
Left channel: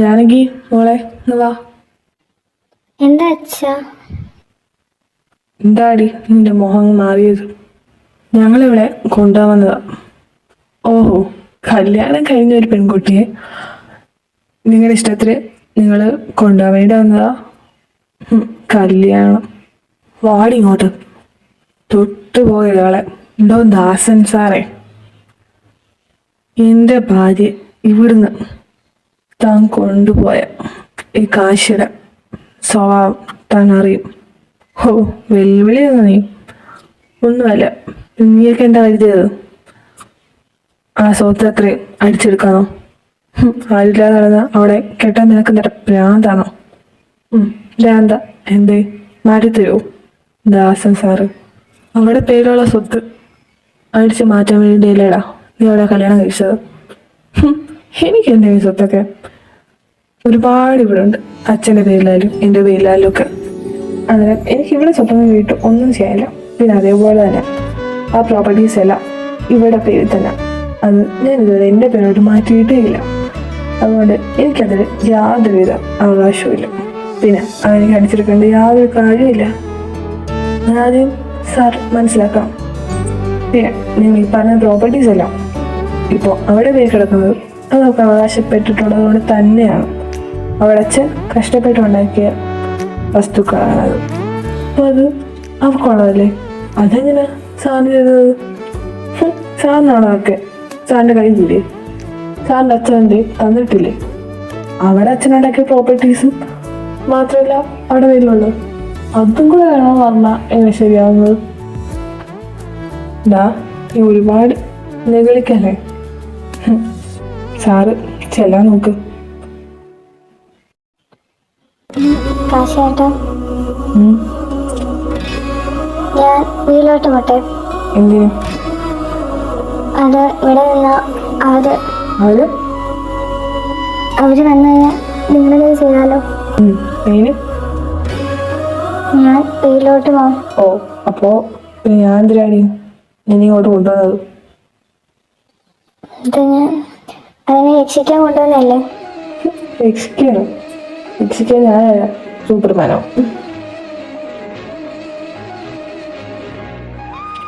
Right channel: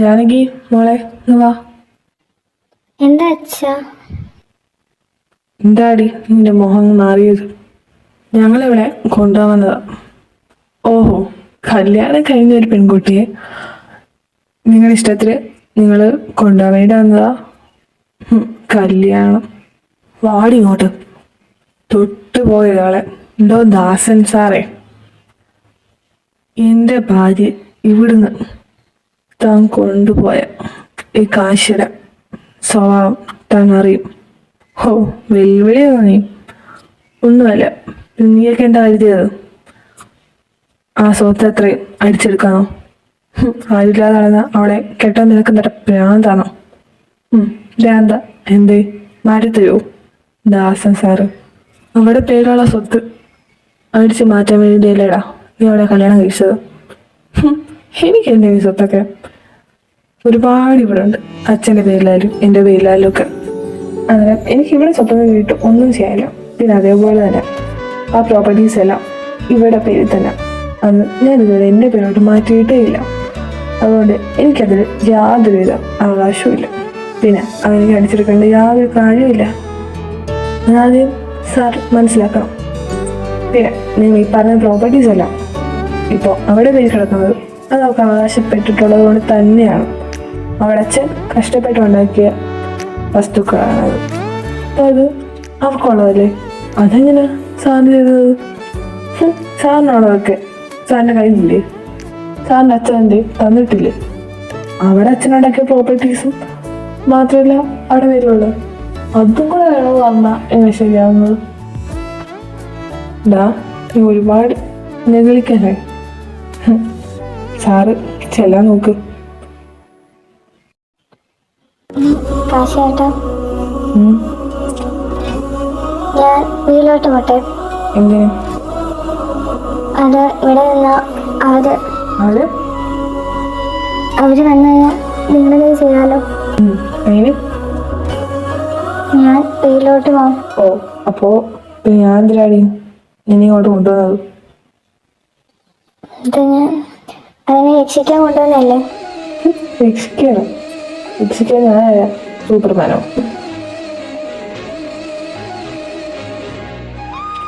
ജാനകി മോളെ വാ. എന്താ അച്ഛ? എന്താടി നിന്റെ മുഖം മാറിയത്? ഞങ്ങളിവിടെ കൊണ്ടുപോകുന്നതാ. ഓഹോ, കല്യാണം കഴിഞ്ഞ ഒരു പെൺകുട്ടിയെ നിങ്ങളുടെ ഇഷ്ടത്തിന് നിങ്ങൾ കൊണ്ടുപോവേണ്ടി വന്നതാ? കല്യാണം? വാടി ഇങ്ങോട്ട്. തൊട്ടുപോയവളെ എന്തോ ദാസൻ സാറേ, എൻ്റെ ഭാര്യ ഇവിടുന്ന് താൻ കൊണ്ടുപോയ ഈ കാശിയുടെ സ്വഭാവം താൻ അറിയും. ഓ, വെല്ലുവിളിയൊന്നും നീ ഒന്നുമല്ല. നീയൊക്കെ എന്താ കരുതിയത്? ആ സ്വത്ത് എത്രയും അടിച്ചെടുക്കാനോ? ആരില്ലാതെ നടന്ന അവിടെ കെട്ടാൻ നിനക്ക് നിന്റെ ഭ്രാന്താണോ? ഭ്രാന്ത എന്തേ മാറ്റിത്തരുമോ? ദാസൻ സാറ് അവിടെ പേരുള്ള സ്വത്ത് അടിച്ച് മാറ്റാൻ വേണ്ടിയല്ലേടാ നീ അവിടെ കല്യാണം കഴിച്ചത്? എനിക്ക് എന്നെ ഈ സ്വത്തൊക്കെ ഒരുപാട് ഇവിടെ ഉണ്ട്. അച്ഛൻ്റെ പേരിലായാലും എൻ്റെ പേരിലായാലും ഒക്കെ. അങ്ങനെ എനിക്ക് ഇവിടെ സ്വത്തൊന്നും കിട്ടും ഒന്നും ചെയ്യാനില്ല. പിന്നെ അതേപോലെ തന്നെ ആ പ്രോപ്പർട്ടീസ് എല്ലാം ഇവിടെ പേരിൽ തന്നെ. അത് ഞാനിതുവരെ എൻ്റെ പേരോട്ട് മാറ്റിയിട്ടേ ഇല്ല. അതുകൊണ്ട് എനിക്കതിൽ യാതൊരുവിധ അവകാശവുമില്ല. പിന്നെ അതെനിക്ക് അടിച്ചെടുക്കേണ്ട യാതൊരു കാര്യമില്ല. ആദ്യം സാർ മനസ്സിലാക്കാം. പിന്നെ നിങ്ങൾ ഈ പറഞ്ഞ പ്രോപ്പർട്ടീസ് എല്ലാം ഇപ്പോൾ അവിടെ പേര് കിടക്കുന്നത് അത് നമുക്ക് അവകാശപ്പെട്ടിട്ടുള്ളത് കൊണ്ട് തന്നെയാണ്. അവിടെ അച്ഛൻ കഷ്ടപ്പെട്ടുണ്ടാക്കിയ വസ്തുക്കളാണത്. അപ്പോൾ അത് അവർക്കുള്ളതല്ലേ. അതെങ്ങനെ സാറിന് ചെയ്തത്? സാറിനാണോ ഒക്കെ? സാറിൻ്റെ കയ്യിലില്ലേ? സാറിൻ്റെ അച്ഛൻ്റെ തന്നിട്ടില്ലേ? അവിടെ അച്ഛനുണ്ടാക്കിയ പ്രോപ്പർട്ടീസും മാത്രമല്ല അവിടെ പേരിലുള്ളൂ. അതും കൂടെ വേണോ പറഞ്ഞാൽ എങ്ങനെ ശരിയാവുന്നത്? നീ ഒരുപാട് നിഗളിക്കല്ലേ. സാറ് ചെല്ലാൻ നോക്ക്. കാശേട്ടാ, ഞാൻ വീട്ടിലോട്ട് പോട്ടെ. എന്തിനാ? അത് ഇവിടെ നിന്ന അവര് വന്നു കഴിഞ്ഞാൽ നിങ്ങളത് ചെയ്താലോ? ഞാൻ വീട്ടിലോട്ട് പോവാം. ഓ, അപ്പോ ഞാൻ എന്തിനാടി നിന്നിങ്ങോട്ട് കൊണ്ടുവന്നത്? അതിനെ രക്ഷിക്കാൻ കൊണ്ടുവന്നല്ലേ? രക്ഷിക്കാനോ? രക്ഷിക്കാൻ ഞാനായ സൂപ്പർമാനോ?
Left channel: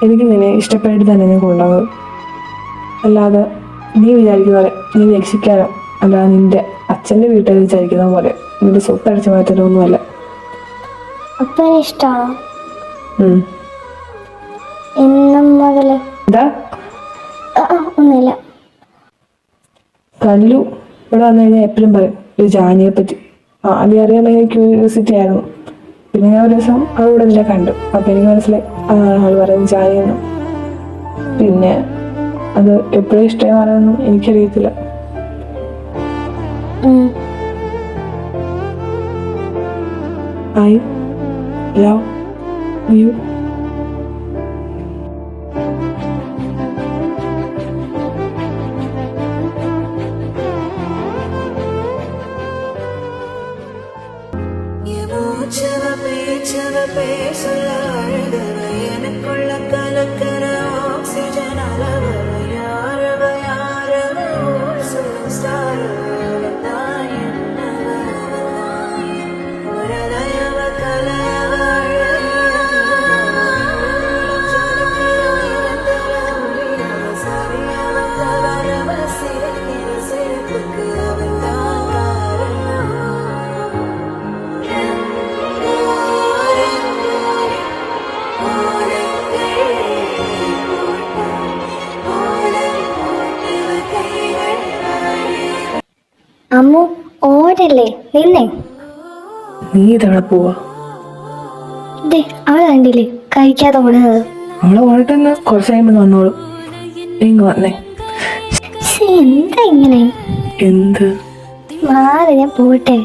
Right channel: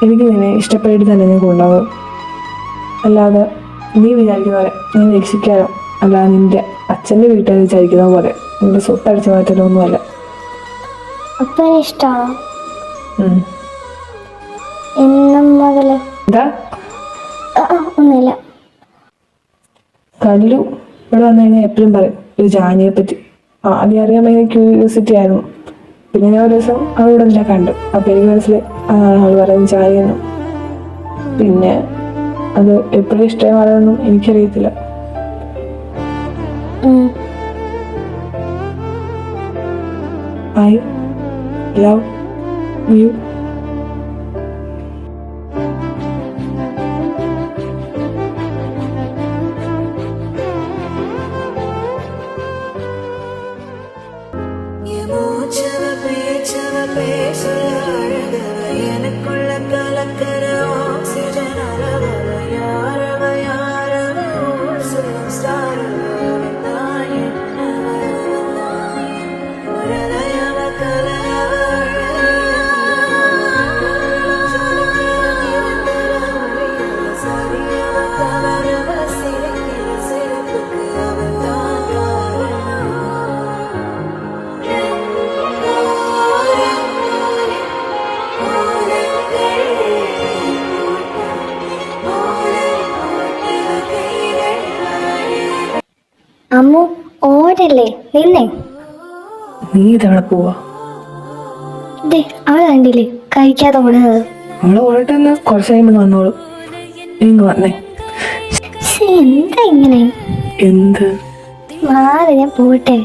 എനിക്ക് നിന്നെ ഇഷ്ടപ്പെട്ടിട്ട് തന്നെ ഞാൻ കൊണ്ടുപോകുന്നത്. അല്ലാതെ നീ വിചാരിക്കുന്ന പോലെ നീ രക്ഷിക്കാനോ അല്ലാതെ നിന്റെ അച്ഛൻ്റെ വീട്ടുകാർ വിചാരിക്കുന്ന പോലെ നിന്റെ സ്വത്ത് അടിച്ചു മാറ്റാനോ ഒന്നുമല്ല. അപ്പനെ ഇഷ്ടമാണോ? എന്താ? ഒന്നുമില്ല. കല്ലു ഇവിടെ വന്നു കഴിഞ്ഞാൽ എപ്പോഴും പറയും ഒരു ജാനിയെ പറ്റി. ആദ്യം അറിയാൻ ഭയങ്കര ക്യൂരിയോസിറ്റി ആയിരുന്നു. പിന്നെ ഞാൻ ഒരു ദിവസം അവളിവിടെ നിന്നെ കണ്ടു. അപ്പം എനിക്ക് മനസ്സിലായി അവൾ പറയുന്നത് ജാനിയെന്നും. പിന്നെ അത് എപ്പോഴും ഇഷ്ടമാണെന്നും എനിക്കറിയത്തില്ല. I love you. பேசுல அழகுவ எனக்குள்ள கலக்கற ஆக்சிஜன் அளவவ யாரவ யாரவ ஊர்சலும் ஸ்டாரவ தான் என்னவ ஒரு தயவ கலவ ஜொலிக்கிற நிரந்தர ஒளியவ சரியவ கவரவ சிரிக்கிற சிரிப்புக்கு அவள் தான் காரணம். അമ്മു ഓടല്ലേ, നിന്നേ. നീ ഇതവിടെ പോവാ? അവള് കണ്ടില്ലേ കഴിക്കാതെ ഓടുന്നത്? അവള് ഓടിട്ട് കുറച്ച് കഴിയുമ്പോൾ വന്നോളൂ. ഇങ്ങ് വന്നേ. എന്താ ഇങ്ങനെ? എന്ത് മാറി, ഞാൻ പോട്ടെ.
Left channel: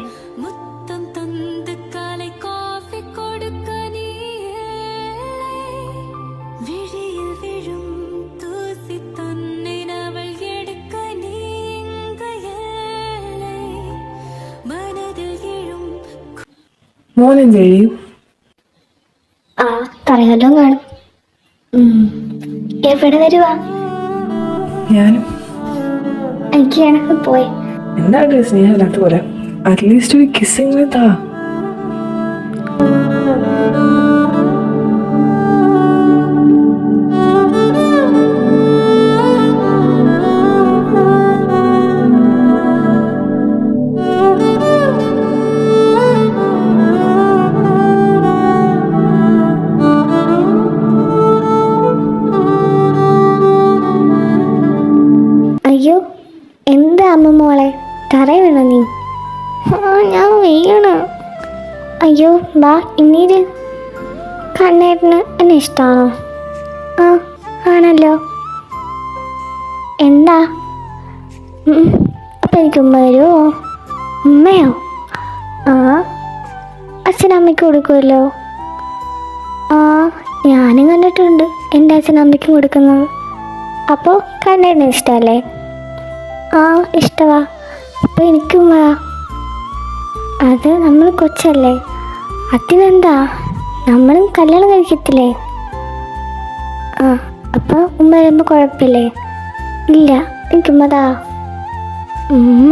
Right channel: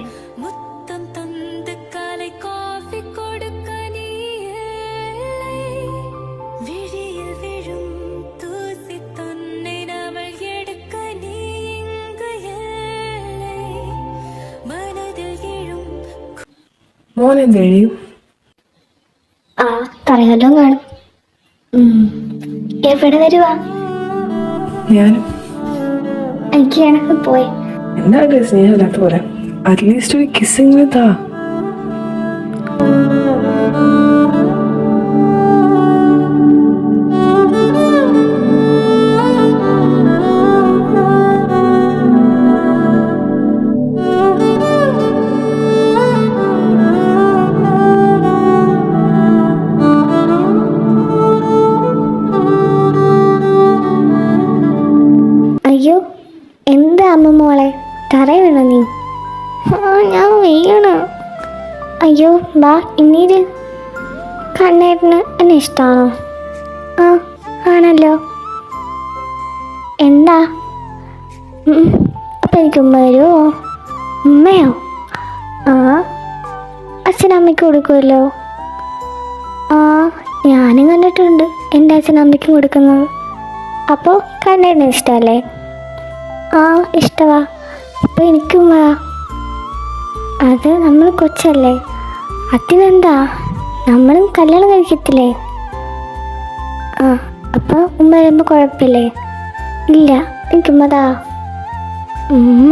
മോനെന്ത് കഴിയും? ആ പറയാലോ കാണും. എവിടെ വരുവാ? ഞാനും. എനിക്ക് കണക്ക് പോയി. എന്താണ് സ്നേഹമില്ലാത്ത പോലെ? അറ്റ്ലീസ്റ്റ് ഒരു കിസ്സെങ്കിലും താ. അയ്യോ, എന്താ അമ്മ മോളെ തറ വീണ നീ? ഞാൻ വീണ. അയ്യോ ബാ ഇന്നീര്. കണ്ണേട്ടന് എന്നെ ഇഷ്ടമാണോ? ആ ആണല്ലോ. എന്താ? അപ്പം എനിക്ക് ഉമ്മ വരുമോ? ഉമ്മയോ? ആ അച്ഛനമ്മയ്ക്ക് കൊടുക്കുമല്ലോ. ആ ഞാനും കണ്ടിട്ടുണ്ട് എൻ്റെ അച്ഛനമ്മയ്ക്കും കൊടുക്കുന്നത്. അപ്പോൾ കണ്ണേട്ടന് ഇഷ്ടമല്ലേ? ആ ഇഷ്ടവാ. ഇപ്പം എനിക്കും വാ. അത് നമ്മൾ കൊച്ചല്ലേ, അതിനെന്താ, നമ്മളും കല്യാണം കഴിക്കത്തില്ലേ? ആ അപ്പോൾ ഉമ്മ വരുമ്പോൾ കുഴപ്പമില്ലേ? ഇല്ല എനിക്കുമ്മതാ ഉമ്മ.